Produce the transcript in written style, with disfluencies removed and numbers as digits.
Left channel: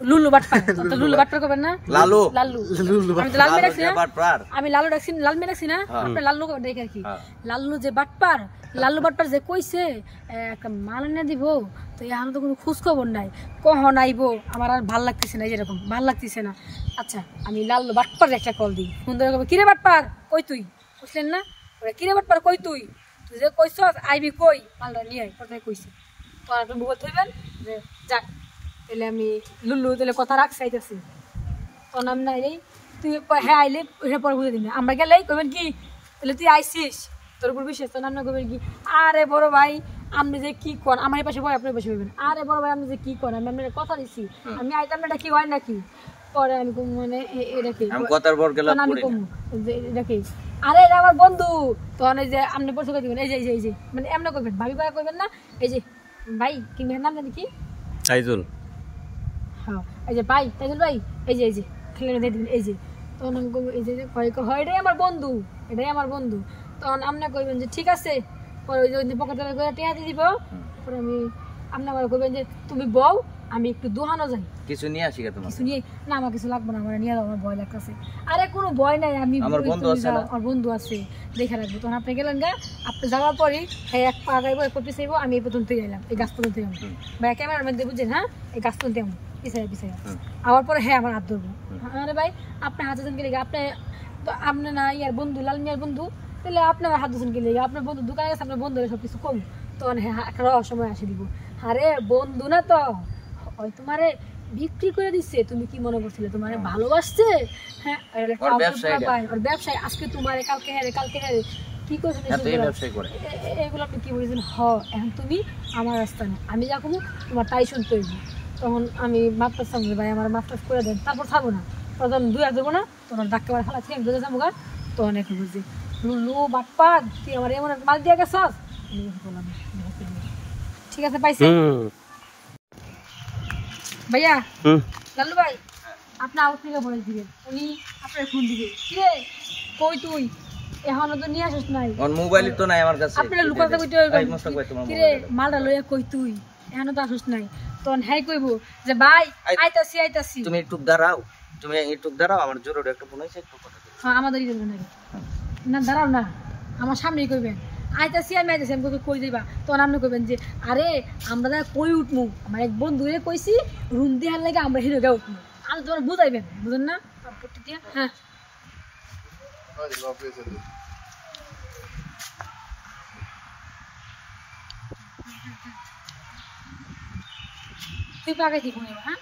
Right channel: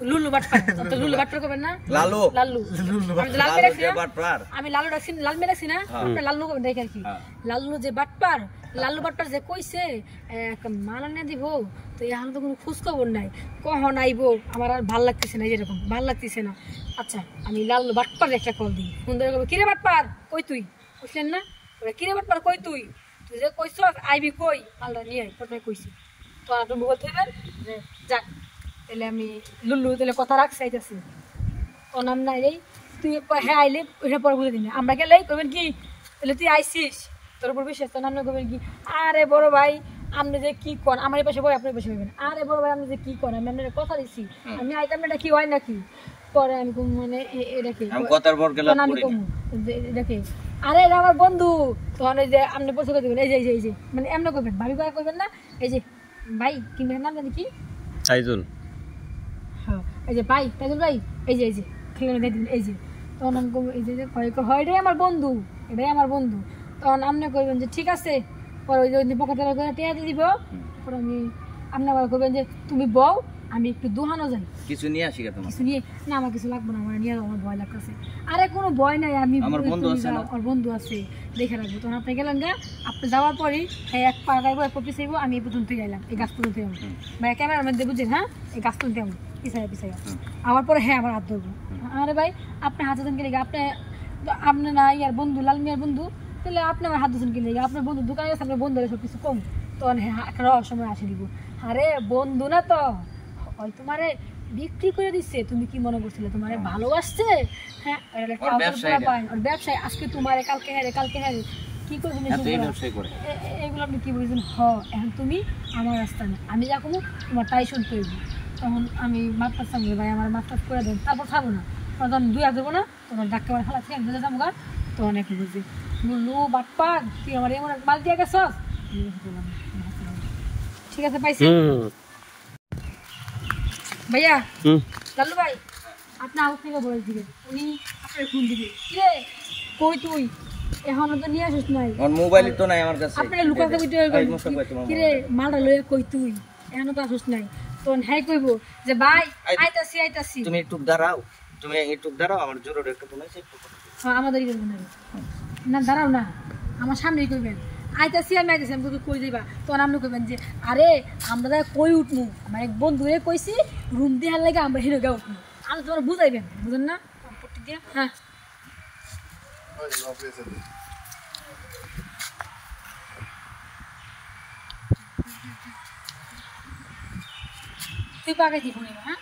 লুলু বাটপার তো লুলু বাটপার করবেন না লালু লালু লাল মে রাখছি আমি লালু রাখছি লাল মে রাখছি না আপনি লালু দেখে আর কি লালু যে বাটপার লালু বাটপার যে কইছে একটা মাল এনে দিব তো এখন তো কোনো খোঁজ খবর নাই কখন আইবো আমার আর ভাল লাগতেছে না যেরকম ভাল লাগতেছে না আচ্ছা আমি লালু বাটপার একটা কল দিই ফোন ধরে কবে কিরে বাটপার কই তুই বুঝলেন না কিরে বাটপার কই তুই তুই যে কইছ আইবি কই মালটা নিয়ে আই কোথায় কইছে তো আপনি মোবাইল থইবেন যে যাক তাহলে আমি লুলু তাহলে কথা রাখছি আইতেছি তোর নাম নাই রে তুই হ্যাঁ আইলে হ্যাঁ পরে বুঝে দিন আমরা গেলে কইবেন কি তাহলে তুই আইসিস তোর উপর বিশ্বাস তোর নাম না কইবেন কি আরে বড় ভাই আপনি যে কি কর আমার এই পাশে বই আপনার পাশে বইবেন আরে বড় ভাই আপনি যে কি করেন আমি আপনার কথা দিছি আমি আইতাম এটা কি হয় নাকি পরে আমি কম মানে এটা কি আমি কথার বড় গেলাম আমি কম এটা কি আরে এটা আমার বন্ধু তখন এই যে আপনি পয়সা করে দিবেন এই যে মানে এমন কইবেন ভাবি ভাই কইবেন না এই যে ভাই কি নাম জানি কি তাইজুল হ্যাঁ এই যে ভাই তাইজুল ভাই এই যে খেলে দিয়ে দিবেন এই যে তখন আমি কম এই যে হয় এটাই আমার বন্ধু তখন আপনি কইবেন যে ঠিক আছে পরে ওই যে পকেটে করে টিয়া দিয়ে দিব পরে আমি আপনি আবার কইবেন যে তুমি বউ আমি একটু দোহানো যাই কিছু নিয়ে আসি তোমার কিছু নিয়ে না আমার কিছু লাগবে না আমার নিয়ে যাওয়ার আমার ভয় লাগতেছে আরে কোনো ভয় নাই আমি আমার বন্ধু আছে দেখে রাখবো তখন আপনি গেলেন গা আপনি যাওয়ার পরই হ্যাঁ এক পা গাইবো এক পিছিয়ে যাইবো আমি এই পর্যন্ত গেলাম এই গাছ পর্যন্ত গেলাম ভাই ক্যামেরার মধ্যে বুঝছেন হ্যাঁ এই গাছ পর্যন্ত আমি পিছাই আবার পরে হ্যাঁ আমার হাত ধরবো আরে ভাই আপনি হাত ধরেন গেলে আপনি না ইয়ার বন্ধু লাল মিয়ার বন্ধু তাহলে আপনি আমার হাত ধরেন গেলে আপনার বন্ধু দোকানে গেছে আপনার বন্ধু সব কিছু কম তখন হ্যাঁ একটা সময় আসে দিব আরে বন্ধু না তো ওই তোমারে বিক্রি করে দিচ্ছে তুমি কি মনে করছিলে তোমারে ভালোবাসছে হ্যাঁ আর ব্যবসায় আজকে তোমারে কালকে হ্যাঁ কি করছেন এইগুলো আপনি কি বলছেন এখন তুমি আমার রাস্তা না আমি যা করবো তোমার তাই শুনতে হইব তখন আমি মাপটার সামনে ভাই আমার মাপটাস করে দেন তারপর থাকবো না তখন দুই হাত দেবো না তোমার ডাক্তার খালা থেকে আমি যাবো গা তখন একটু বুঝি লুলু বাপ্পা তুই আমার এমন মাল দিয়ে গেছস ঠিক আছে পাইছি ভাইয়া লালু ভাই আপনি আউট থেকে বলে দিবেন উনি আপনার ফোন দিবে কিরে কই তুই এখনো তো নিয়ে আসিস নাই মোবাইল তো নাই আমার কাছে আপনার লুকাতে কইতে কিরে মালটা লইয়া কই তুই এখনো তো আসিস নাই তখন হ্যাঁ কইব যে ভাই আইতাছি তুমি একটু দাঁড়াও আমার জরুরি একটা ফোন আছে হ্যাঁ আমাদেরই করবেন না দাঁড়াও না আমার সামনেই কইবেন আইতাছি আমি তোকে কই দিবা তখন আপনি কইবেন যে আরে আমরা কই উঠমু আমার এক বন্ধুরে কইছি রুম দেওয়ার লাগে আমরা হিরো গা উঠমু আমি তোমার বুঝাইবেন বুঝেন না পট্টি দিয়া হ্যাঁ তুই পাকাইছি ফোনে হ্যাঁ